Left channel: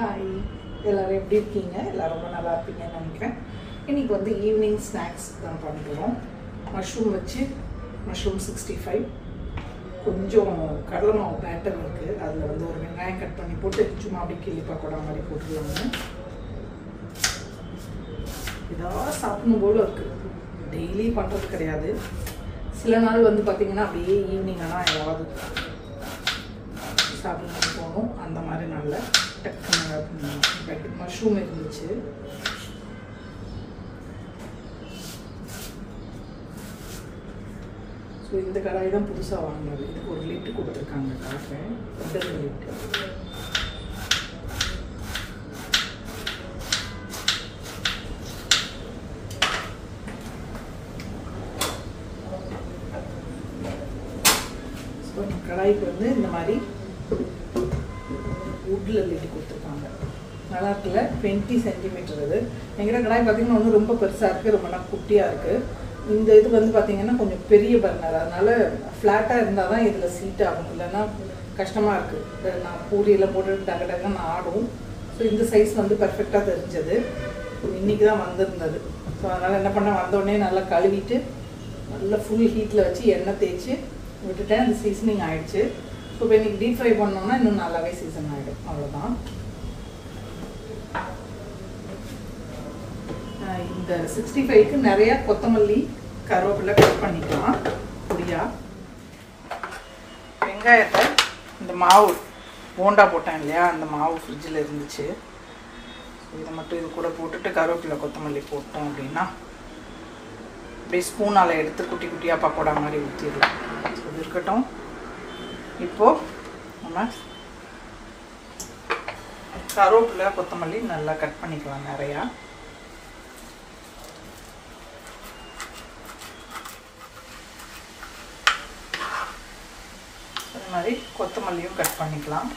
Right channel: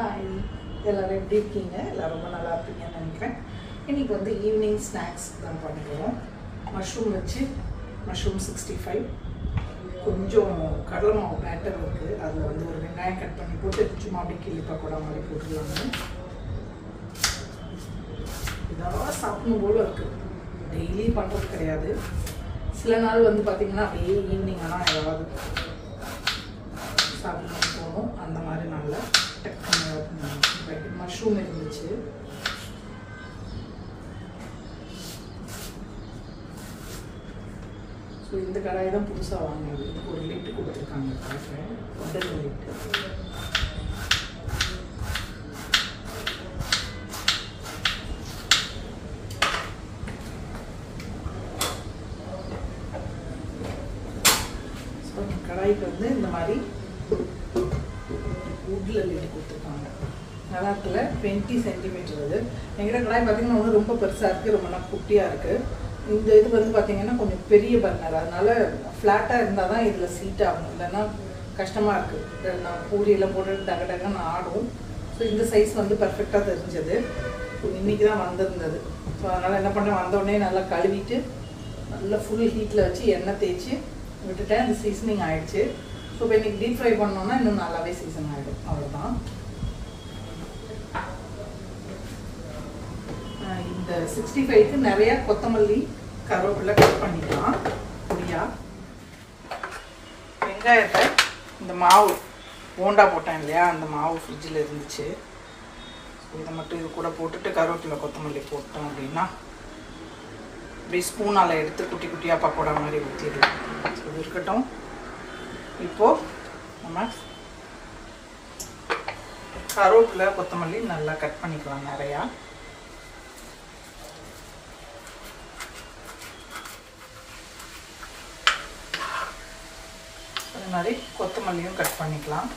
Hi எல்லோரும் எப்படி இருக்கீங்க? எல்லோரும் ரொம்ப நல்லா இருப்பீங்கன்னு நினைக்கிறேன். இன்றைக்கி வந்து ஈவினிங் ஸ்நாக்ஸ் தான் பண்ணிக்கிறோம். மஷ்ரூம் வச்சு மஷ்ரூம் 65, கொஞ்சம் கடலை மாவு பேட்டர் இருக்குது. அதில் வந்து ஒரு வெங்காயம் கட் பண்ணி போட்டு சும்மா அப்படி கிள்ளி பக்கோடா மாதிரி போட்டுடலாங்க. இதாக சாப்பிடணும் போல இருக்குது. டெய்லி பண்ணுறது கிடையாது. சில நாள் வந்து பார்த்திங்கன்னா அப்படியே ஈவினிங் ஆனால் ஏதாவது சாப்பிடணும் போகணும். அந்த மாதிரி நல்ல மஷ்ரூம் இருந்துச்சு. ஸோ இந்த கடாய் தான் புதுசாக வாங்கினது. இதுக்கு ஒரு லிட்டு கொடுத்துருக்காங்க. காஃபே இந்த லிட்டு கடாய்க்கு வந்து இந்த மாதிரி வுட்டில் லிட்டு கொடுத்துருக்காங்க. நல்லா இருக்குல்ல? 20 சென்டிமீட்டர். அது எங்கிட்ட கடாய் பார்த்தீங்கன்னா ஒன்று ரொம்ப பெருசாக இருக்குது, ரொம்ப நாள் குட்டியாக இருக்குது. இந்த இது வந்து பார்த்தீங்கன்னா கொஞ்சம் பெரிய பர்னர், அதனால் ஃப்ளாட்டாக இருந்தால் தான் இதில் சீட் ஆகும், இல்லைன்னா கஷ்டமாக இருக்குது. நான் பூரியெல்லாம் போட்டு டக டகன்னு ஆடும். ஸோ இந்த சைஸ் வந்து பர்ஃபெக்டாக தெரிஞ்சது. ஸோ இன்றைக்கி தான் வந்திருந்தது. ஸோ அதனால் என்ன பண்ண, வந்தோடனே நல்லா கழுவிட்டு நல்லா ஃபுல் ஹீட்டில் வச்சு எண்ணெய் தேய்ச்சி விட்டுட்டேன். அந்த சீசனிங் ஆகிடுச்சு. ஸோ இப்போ இன்றைக்கி டீப் ஃப்ரை பண்ணோன்னா இன்னும் நல்லாவே சீசன் ஆகிடும். அவ்வளோதான். இந்த 65க்கு நிறையா கொத்தமல்லி கருவேப்பிலை கட் பண்ணிக்கலாம் பொடியா. வெங்காயத்தை இந்த மாவு போண்டா போட்டேன் இல்லையா, அந்த மாவு ஃப்ரிட்ஜில் இருந்துச்சு. இதை மட்டும் இது கூட போட்டுட்டு கருவேப்பிலை கொத்தமல்லி போட்டோம் அப்படின்னா அப்படியே ஸ்பூனால் எடுத்து குட்டி குட்டியாக பக்கோடா மாதிரி ஊற்றிடலாம். அது இருக்கட்டும். இப்போது நம்ம கருவேப்பிலை கொத்தமல்லி நல்லா கட் பண்ணிக்கலாம் நிறையா. அது மாதிரி கொத்தமல்லியும் கட் பண்ணிக்கலாம்.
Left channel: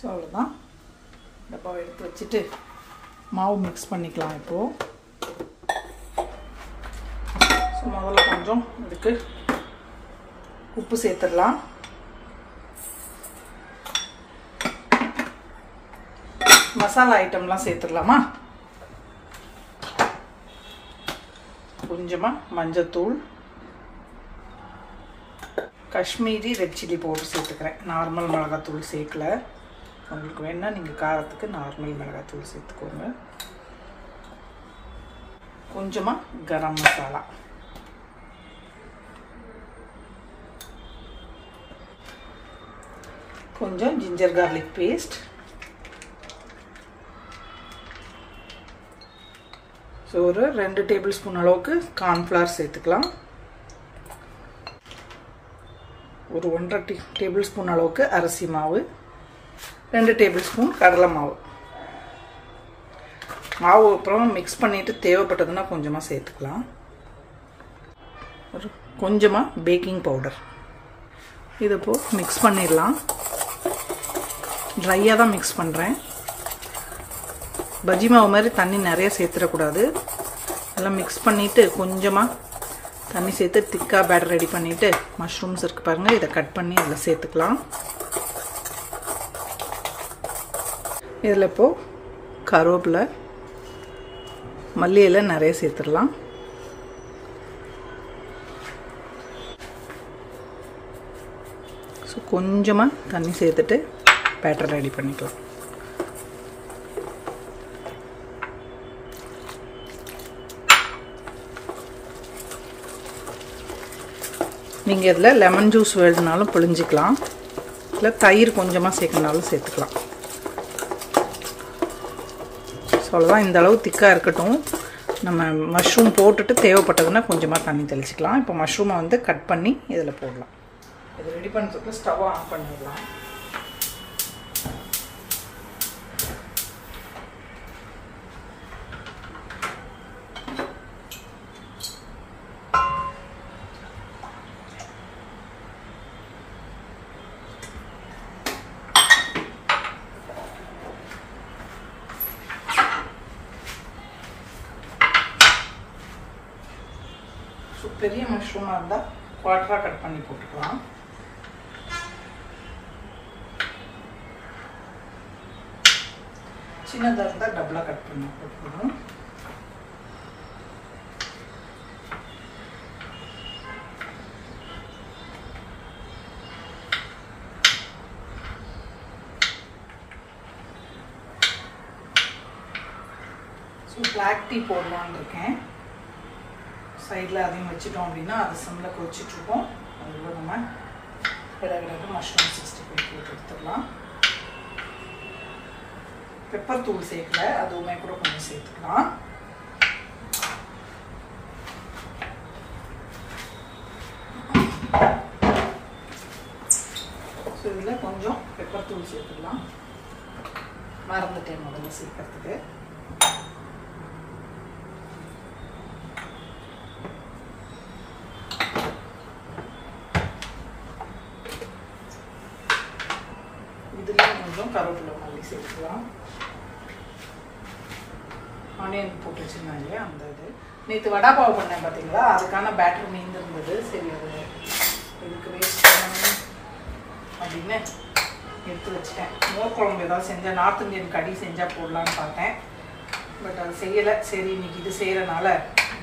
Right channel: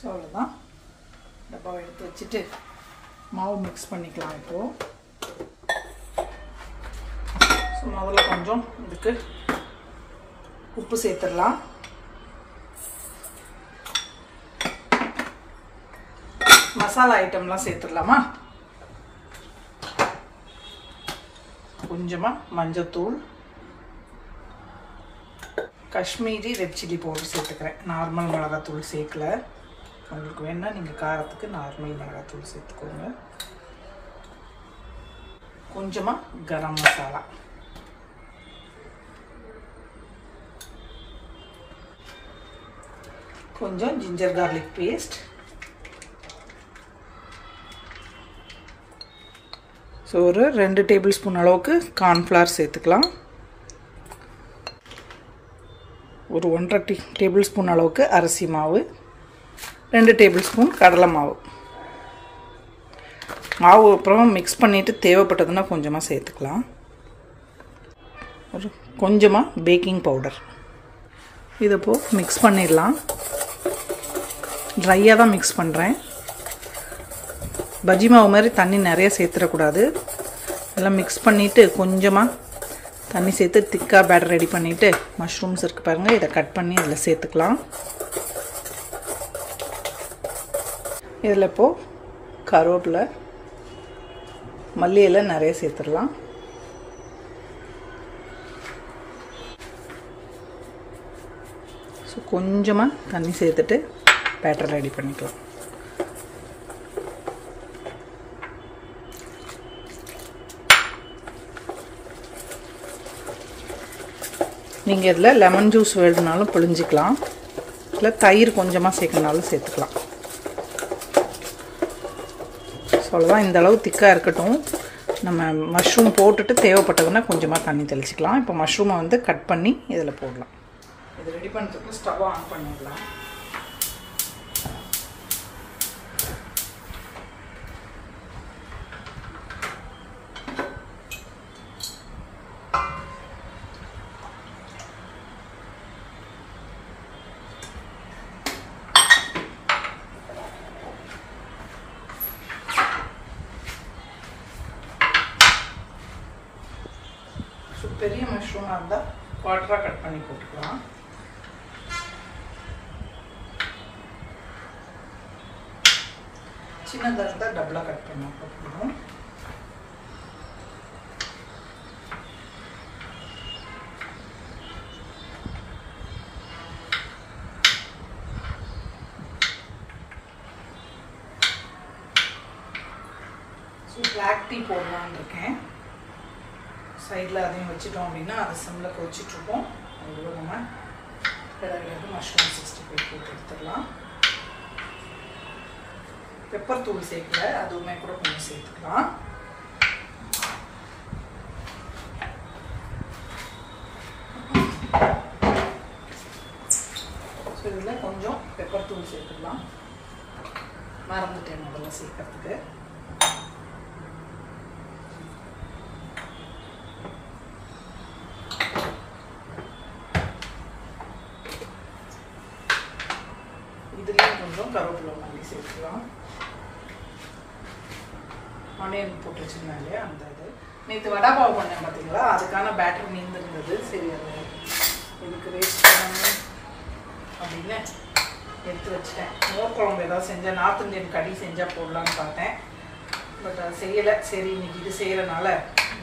ஸோ அவ்வளோதான். டப்பாவை எடுத்து வச்சுட்டு மாவு மிக்ஸ் பண்ணிக்கலாம். இப்போது ஸோ முதல்ல கொஞ்சம் இதுக்கு உப்பு சேர்த்துடலாம். மசாலா ஐட்டம்லாம் சேர்த்துடலாமா? கொஞ்சமாக மஞ்சத்தூள், காஷ்மீரி ரெட் சில்லி பவுடர் சேர்த்துக்கிறேன். நார்மல் மிளகாத்தூள் சேர்க்கல. உங்களுக்கு வேணால் நீங்கள் காரத்துக்கு நார்மல் மிளகாத்தூள் சேர்த்துக்கோங்க. கொஞ்சமாக கரம் மசாலா, கொஞ்சம் ஜிஞ்சர் கார்லிக் பேஸ்ட், ஸோ ஒரு 2 டேபிள் ஸ்பூன் அளவுக்கு கார்ன்ஃப்ளவர் சேர்த்துக்கலாம். ஒரு 1.5 டேபிள் ஸ்பூன் அளவுக்கு அரிசி மாவு, 2 டேபிள் ஸ்பூன் கடலை மாவு. மாவு அப்புறம் மிக்ஸ் பண்ணிவிட்டு தேவைப்பட்டதுன்னா கொஞ்சமாக சேர்த்துக்கலாம். ஒரு கொஞ்சமாக பேக்கிங் பவுடர். இதை இப்போது மிக்ஸ் பண்ணிடலாம். ட்ரையாக தான் மிக்ஸ் பண்ணுறேன். பஜ்ஜி மாவு மாதிரி தண்ணி நிறைய சேர்த்துடக்கூடாது. எல்லாம் மிக்ஸ் பண்ணிவிட்டு கொஞ்சமாக தண்ணி சேர்த்து திக்காக பேட்டர் ரெடி பண்ணிவிட்டு மஷ்ரூம்ஸ் இருக்குது பாருங்கள், இதை கட் பண்ணி அதில் சேர்த்துக்கலாம். இதில் இப்போது கருவேப்பிலை, மல்லி இலை நிறைய சேர்த்துடலாம். ஸோ கொஞ்சமாக தண்ணி சேர்த்துட்டு பேட்டர் ரெடி பண்ணிக்கலாம். நீங்கள் இதில் லெமன் ஜூஸ் வேணுனாலும் பிழிஞ்சிக்கலாம், இல்லை தயிர் கொஞ்சமாக சேர்க்கணுனாலும் சேர்த்துக்கலாம். ஸோ அவ்வளோதான். இந்த அளவு திக்காக இருக்கட்டும். நம்ம மஷ்ரூம் போட்டுட்டு தேவைப்பட்டதுன்னா கொஞ்சமாக தண்ணி தெளிச்சிக்கலாம். இப்போ மஷ்ரூமை வந்து கட் பண்ணி இதில் போடலாம். இது ரெடி பண்ணுறதுக்கு ஸ்டவ்வை ஆன் பண்ணிடலாம். பெரிய மஷ்ரூமாக இருந்தால் குவார்ட்டராக கட் பண்ணி போட்டுக்கலாம். சின்னதாக இருந்தால் டபுளாக கட் பண்ணி போட்டுக்கணும். பிளாக் டீ போடலான்னு இருக்கேன். சைடில் அதையும் வச்சுட்டோம் அப்படின்னா அது சிம்மில் கொதிச்சிட்ருக்கோம். அதுவே நம்ம கிடக்கு மஷ்ரூம் 65 போட்டு எடுத்துடலாம். பெப்பர் தூள் சேர்க்கல, அதுவுமே கூட கொஞ்சம் சேர்த்துக்கலாம். ஸோ இதில் கொஞ்சம் பெப்பர் தூள் சேர்த்துக்கலாம். மறந்துட்டேன் முதல்ல சேர்க்கறதுக்கு. இதுலேயும் கொஞ்சம் கருவேப்பிலை மல்லி சேர்த்துக்கலாம். ஆனியன் போட்டு வச்சுருந்தேன் இல்லையா, அந்த இது நேற்று வடாபாவு பண்ணேன் பார்த்தீங்களா, அதுக்கான பேட்டர் மீந்திருந்தது. சரி அது இதுக்கு வேஸ்ட் பண்ணணும் அப்படின்னு எடுத்து வச்சுட்டேன். மோர் குழம்பு ஏதாவது செஞ்சால் நார்த் இந்தியன் கறி செஞ்சால் போடலான்னு பார்த்தேன். பட் அது செய்யலை. சரி இன்னைக்கு இது செய்கிறனால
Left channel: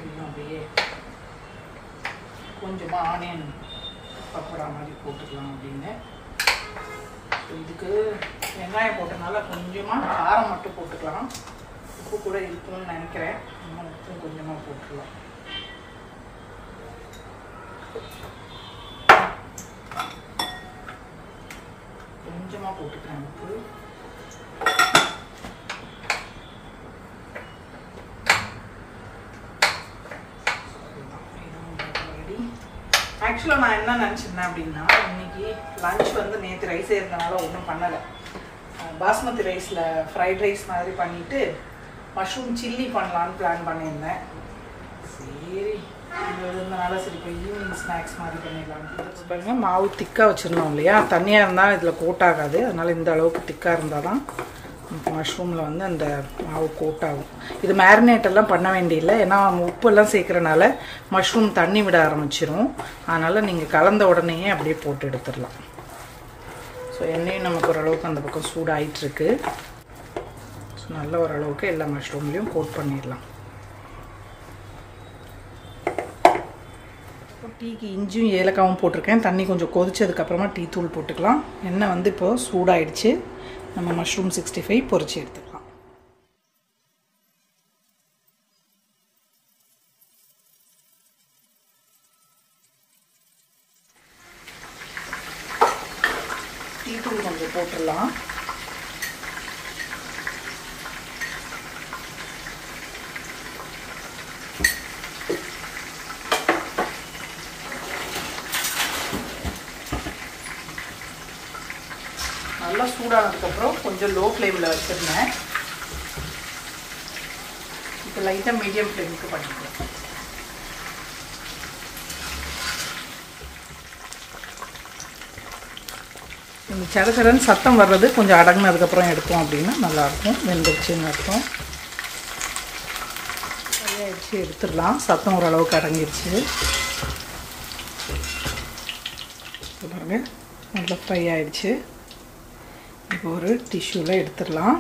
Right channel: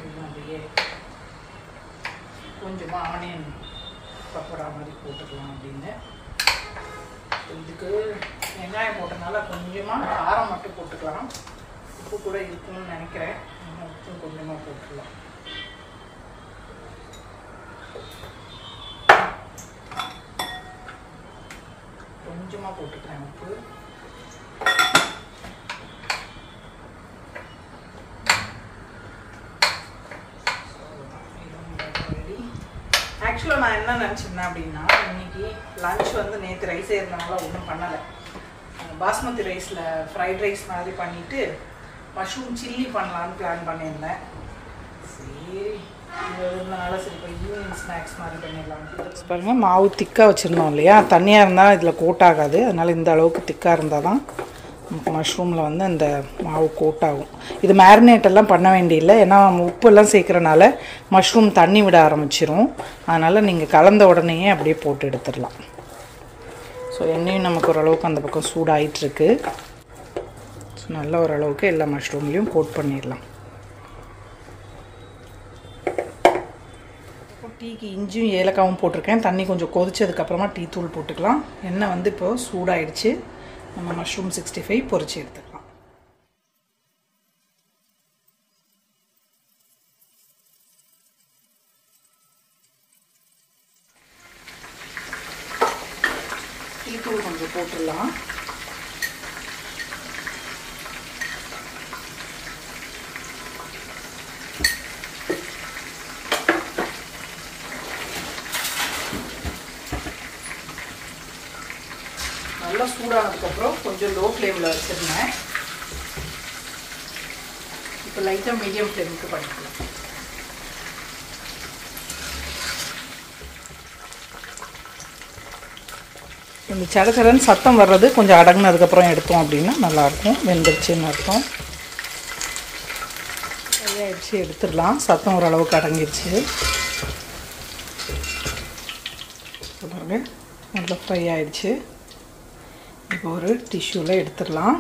இன்னும் அப்படியே கொஞ்சமாக ஆனியன் பக்கோடா மாதிரி போட்டுக்கலாம் அப்படின்னு. இதுக்கு வெங்காயம் போட்டனால கொஞ்சமாக காரம் மட்டும் போட்டுக்கலாம். உப்பு கூட இருக்குன்னு நினைக்கிறேன். இன்னும் உப்பும் கொஞ்சமாக போட்டுக்கலாம். கொஞ்சமாக போட்டுக்கிறேன் உப்பு. ஆக்சுவலாக நான் என்ன நினச்சிருந்தேன் அப்படின்னா, இன்னைக்கு லன்ச் வந்து நேற்று ரைஸ் இருந்தனால ஒன்றும் பண்ணலை. பாஸ்மதி ரைஸில் ஃப்ரைட் ரைஸ் மாதிரி பண்ணிவிட்டு மஷ்ரூம் சில்லி பண்ணலான்னு பிளான் பண்ணியிருந்தேன். சரி இது இருந்தனால சரி இப்போ ஈவினிங் ஸ்நாக்ஸ் மாதிரி பண்ணிடலான்ட்டு. பாருங்கள், மாவு திக்காக வச்சுருந்தோம் இல்லையா, தண்ணியாக இருந்தால் இதில் கோட் ஆகாது. அதனால் இந்த அளவுக்கு திக்காக இருந்தால் தான் மஷ்ரூமில் வந்து அந்த மாவு கோட் ஆகும். இது மேரினேட் எல்லாம் பண்ண வேண்டியதில்லை. ஏன்னா உப்பெல்லாம் சேர்க்குறனால மஷ்ரூம் தண்ணி விட ஆரம்பிச்சிரும். அதனால் நீங்கள் கலந்த உடனேயே அப்படியே போட்டு எடுத்துடலாம். ஸோ எண்ணெயும் நமக்கு ஓரளவுக்கு அந்த பக்கம் சூடாகிட்டுருக்கு. நல்ல ஓரளவுக்கு எல்லா மஷ்ரூம்லேயும் கோட் பண்ணிடலாம். டீக்கு இஞ்சியும் ஏலக்காவும் போட்டிருக்கேன். தண்ணி கொஞ்சம் கொதிச்சதுக்கப்புறமா டீ தூள் போட்டுக்கலாம். எண்ணெய் வந்து இப்போது சூடாயிடுச்சு. நம்ம மஷ்ரூம் 65 பொரிச்சு எடுத்துக்கலாம். டீ தூள் கொஞ்சம் போட்டுடலாம். நல்லா சூடானதுக்கப்புறம் கொஞ்சம் லோ ஃப்ளேமில் வச்சுருந்தேன். இப்போ லைட்டாக மீடியம் ஃப்ளேமுக்கு பண்ணிக்கலாம். இந்த சடச்சடன்னு சத்தம் வர்றது கொஞ்சம் அடங்கினதுக்கப்புறம் எடுத்தோம் அப்படின்னா நல்லாயிருக்கும். வெந்துருச்சுன்னு அர்த்தம். சரியாயிடுச்சு, எடுத்துடலாம். சத்தம் ஓரளவுக்கு அடங்கிடுச்சு. பாருங்க, நல்லா ஃப்ரை ஆகிடுச்சு. இப்போ ஒரு டிஷ்யூவில் எடுத்துடலாம்.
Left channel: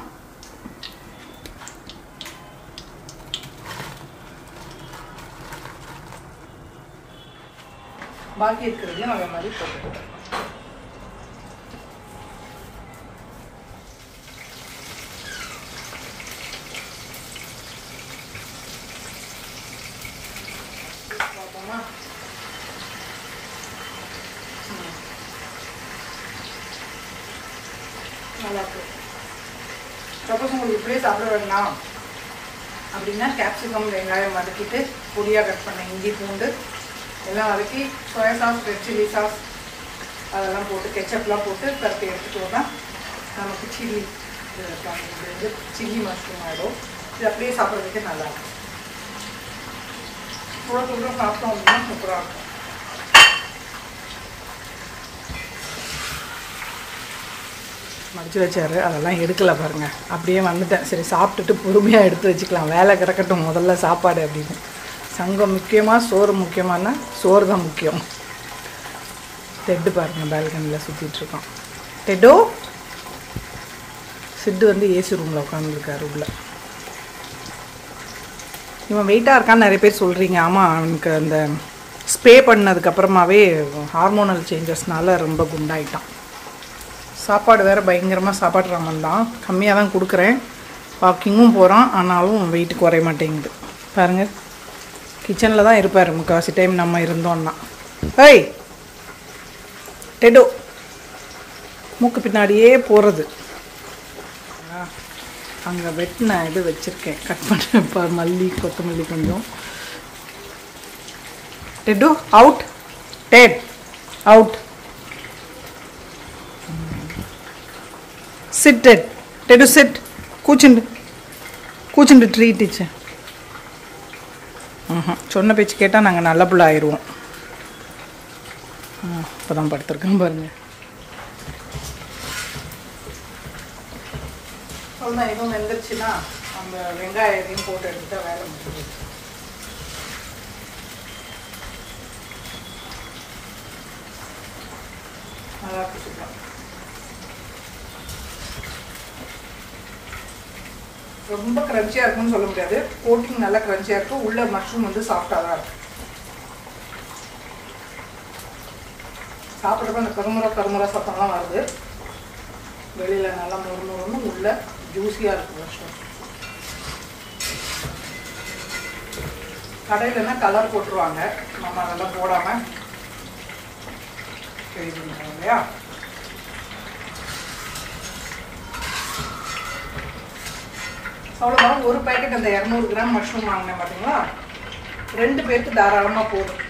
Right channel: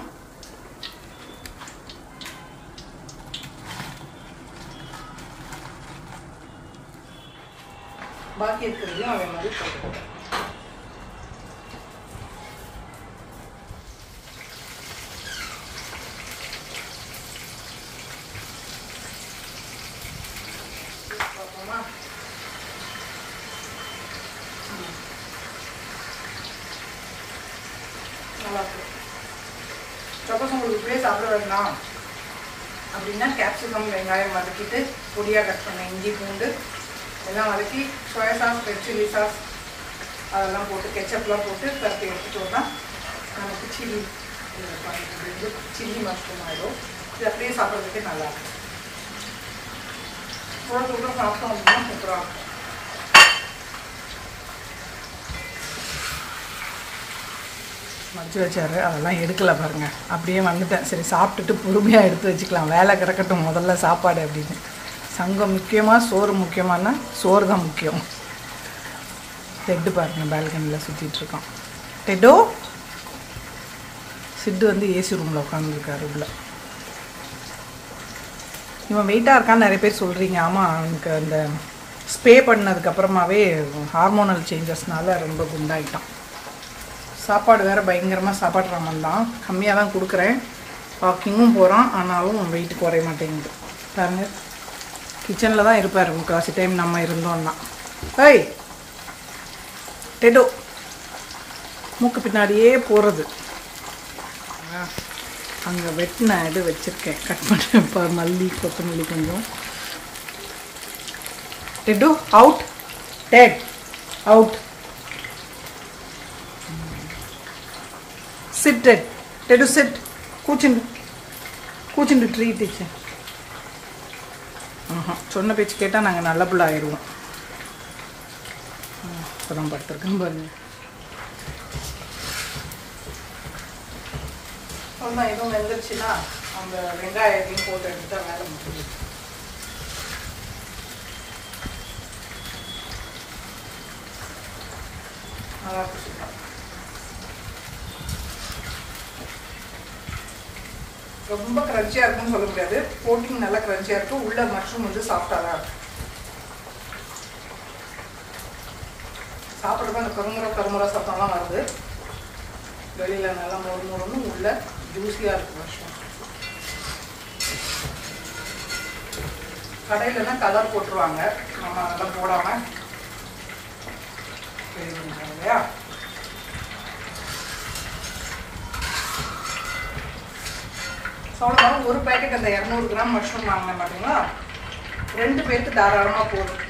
பாக்கி இருக்கிறதையும் அதே மாதிரி போட்டுக்கலாம். நல்லாயிருக்கும். சப்போஸ் உங்களுக்கு இப்படியே சாப்பிட வேண்டாம் அப்படின்னா கேப்சிகம் வெங்காயம் வதக்கிட்டு பொடியாக கட் பண்ண இஞ்சி பூண்டு எல்லாம் வதக்கி soya sauce red chilli sauce அதெல்லாம் போட்டு கெச்சப்லாம் போட்டு பருத்தி எடுத்துட்டோம்னா நமக்கு சில்லி சில்லி மஷ்ரூம் ஆகிடும். இது அப்படியே சாப்பிட்றதுக்கே நல்லாயிருக்கும். சூடாக சாப்பிட்டோம் அப்படின்னா சூப்பராக இருக்கும். மடிச்சு வச்சாரு, அதெல்லாம் எடுக்கலை பாருங்கள். அப்படியே வந்துட்டேன். சரி சாப்பிட்டுட்டு பொறுமையாக எடுத்து வச்சுக்கலாம், வேலை கிடக்கட்டும் முதல்ல சாப்பாடு அப்படின்னு. சங்கம் முக்கியமாக சோறு முக்கியமானா சோறு தான் முக்கியம். டெட்டு பாருங்கள் பால்கனியில் சுற்றிட்டுருக்கான். டெட்டோ சிட்டு வந்து ஏசி ரூமில் உட்காந்துருக்காரு உள்ள. இவன் வெயிட்டாக இருக்கான்னு நிறைய பேர் சொல்கிறீங்க. ஆமாம், அவனுக்கு அந்த ஸ்ப்ரே பண்ணதுக்கப்புறமாவே ஹார்மோனல் சேஞ்சஸ்னால ரொம்ப குண்டாயிட்டான். சாப்பாடு வேறு பயங்கரமாக சாப்பாடு ராமன் தான், கம்மியாக தான் கொடுக்குறேன். வாக்கிங்கும் போகிறான், ஆனாலும் வெயிட்டு குறைய மாட்டேங்குது. பாருங்கள், கிச்சனில் தான் இருப்பார் முக்கால்வாசி டைம் நம்ம இருந்தோம்னா. ஏய் டெடோ, மூக்கு பின்னாடியே போகிறது. அங்கே வெட்டின இது வச்சுருக்கேன், கட் பண்ண மல்லி கொத்தமல்லி கொஞ்சம். Dead out, dead out. Sit dead, dead sit. கூச்சுண்டு ட்ரீட் டீச்சர். சொன்ன பேச்சு கேட்டால் நாங்கள் நல்ல புள்ள ஆயிடுவோம். இப்போ தான் படுத்துருக்குன்னு பாருங்கள். அவ்வளோதான், எதுவும் வெந்துருச்சுன்னா அந்த வெங்காயத்தையும் போட்டு எடுத்துட்டா வேலை முடியுது. நல்லா இருக்கு, சூப்பர். ரொம்ப கிரன்ச்சியாக இருக்குன்னு சொல்ல முடியாது, கோட்டிங் நல்லா கிரன்ச்சியாக இருக்கும். உள்ள மஷ்ரூம் வந்து சாஃப்டாக தான் இருக்கு. சாப்பிட்றப்ப அந்த கருமுறை சத்தம்லாம் வருது. வெளியில் நல்லா மொறுன்னு, உள்ள ஜூஸியாக இருக்குது மஷ்ரூம். கடையிலன்னா கலர் போட்டுருவாங்க, நம்ம அதெல்லாம் போடாமல் ரெடி பண்ணுறாங்க இல்லையா. அவ்வளோதான். ஒரு பேக்கெட் அந்த 200 கிராம் மஷ்ரூம் வாங்கினேன் பார்த்தீங்களா, 2 பேருக்கு தாராளமாக போதும்.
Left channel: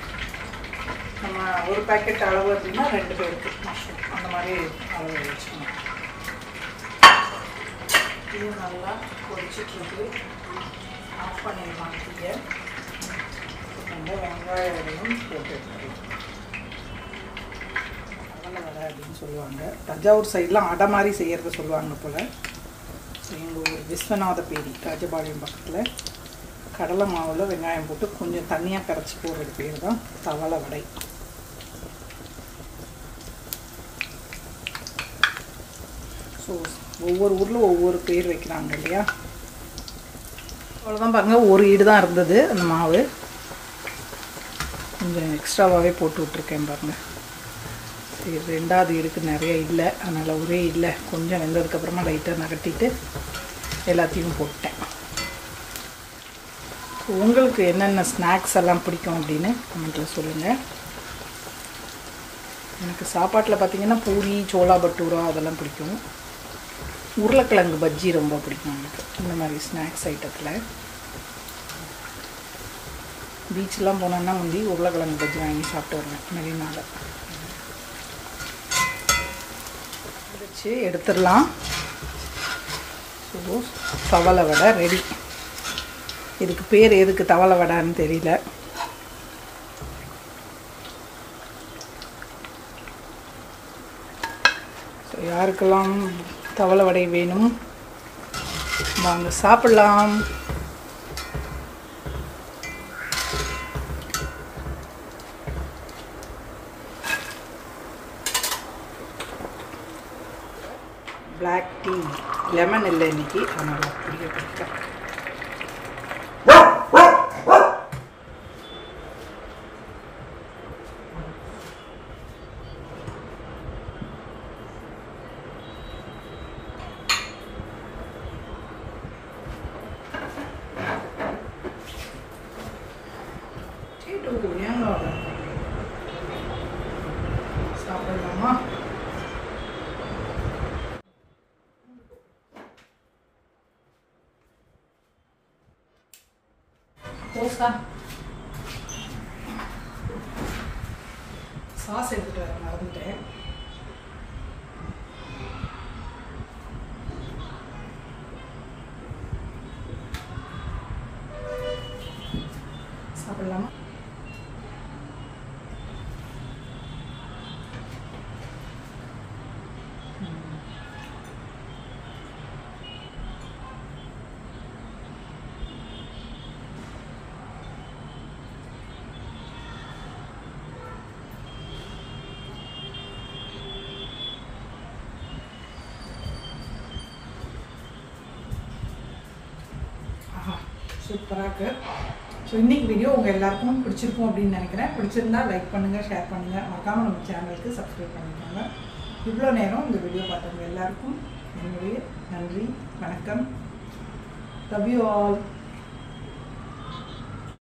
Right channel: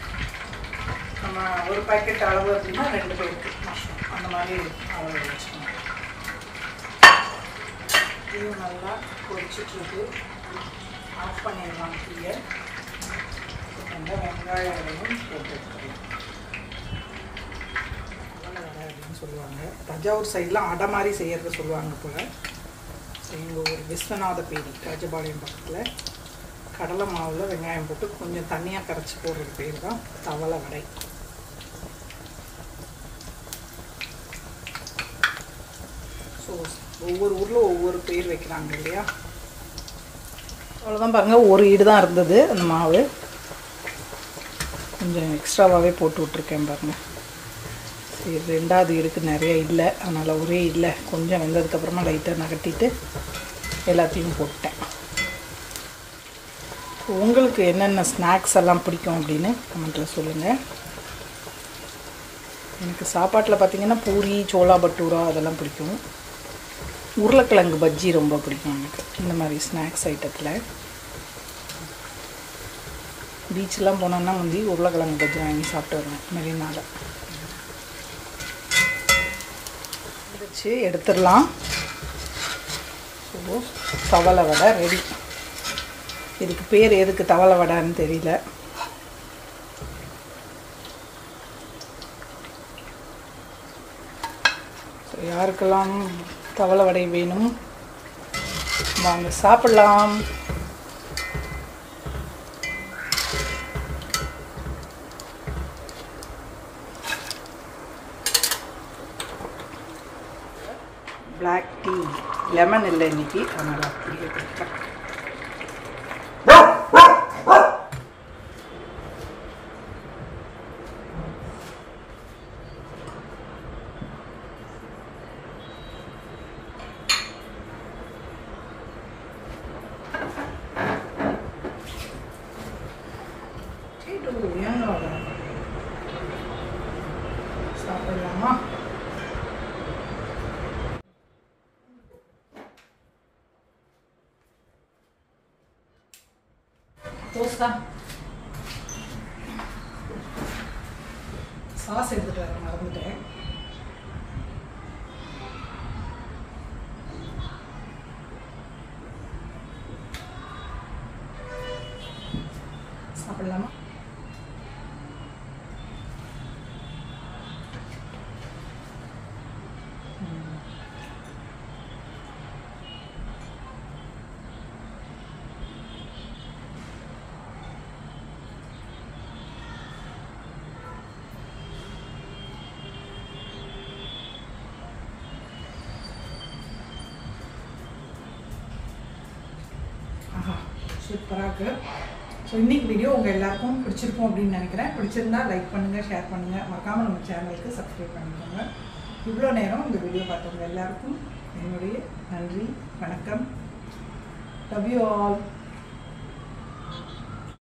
நம்ம ஒரு பேக்கெட் அளவு அப்படின்னா 2 பேருக்கு மஷ்ரூம் அந்த மாதிரி அளவு வச்சுக்கணும். இது நல்லா பொரிச்சிட்ருக்கு. ஆஃப் பண்ணிடலாம் தீயை. அந்த வெங்காயம் போட்டு எடுத்துக்கலாம். வடை அப்படின்னு சொல்லுவாங்க, தஞ்சாவூர் சைட்லாம் அடை மாதிரி செய்யறது சொல்லுவாங்க போல். எங்கள் ஒரு விஸ்வநாத பேரி ராஜபாளையம் பக்கத்தில் கடலை மாவில் வெங்காயம் போட்டு கொஞ்சம் தண்ணியாக கரைச்சி போடுறது பேர் தான் தவளை வடை. ஸோ ஒவ்வொரு ஊரில் ஒவ்வொரு பேர் வைக்கிறாங்க இல்லையா. அவ்வளோதான் பாருங்கள், ஒரு ஈடு தான் இருந்தது அந்த மாவு. கொஞ்சம் எக்ஸ்ட்ராவாகவே போட்டு விட்ருக்கேன் பாருங்கள். இது 2வது ஈடுக்கு நிறைய இல்லை, அதனால் ஒரே இல்லை. கொஞ்சம் வெந்ததுக்கப்புறமா லைட்டாக நகட்டிட்டு எல்லாத்தையும் போட்டேன். உங்களுக்கு என்னென்ன ஸ்நாக்ஸ் எல்லாம் பிடிக்கும் அப்படின்னு கமெண்ட்டில் சொல்லுங்கள். எனக்கு சாப்பாட்டில் பார்த்திங்கன்னா பூரி, சோளா பட்டூரா அதெல்லாம் பிடிக்கும். உருளைக்கிழங்கு பஜ்ஜி ரொம்ப பிடிக்கும் எனக்கு. இந்த மாதிரி ஸ்நாக்ஸ் ஐட்டத்தில் பீச்செலாம் போனோன்னா வந்து உருளைக்கிழங்கு பஜ்ஜி வாங்கி சாப்பிட்டு வருவேன் மெரினால. வச்சு எடுத்துடலாம். தவளை வடை ரெடி. இதுக்கு பேர் எதுக்கு தவளை வடைன்னு தெரியல. யாருக்கெல்லாம் தவளை வடை வேணும் வாங்க சாப்பிடலாம். பிளாக் டீ, லெமன் இல்லை இன்னைக்கு, அதனால் அப்படியே குடிக்கலாம். சாப்பிடலாமா? தோசை சாஸ் எடுத்துட்டு வர மறந்துட்டேன். சாப்பிடலாமா? சூப்பராக இருக்குது. ஸோ இன்றைக்கி வீடியோ உங்கள் எல்லாருக்கும் பிடிச்சிருக்கும் அப்படின்னு நினைக்கிறேன். பிடிச்சிருந்தா லைக் பண்ணுங்கள், ஷேர் பண்ணுங்கள், மறக்காமல் நம்ம சேனலுக்கு சப்ஸ்கிரைப் பண்ணிக்கோங்க. இவ்வளோ நேரம் இந்த வீடியோ பார்த்தவங்க எல்லாருக்கும் என்னுடைய நன்றி, வணக்கம். Love you all.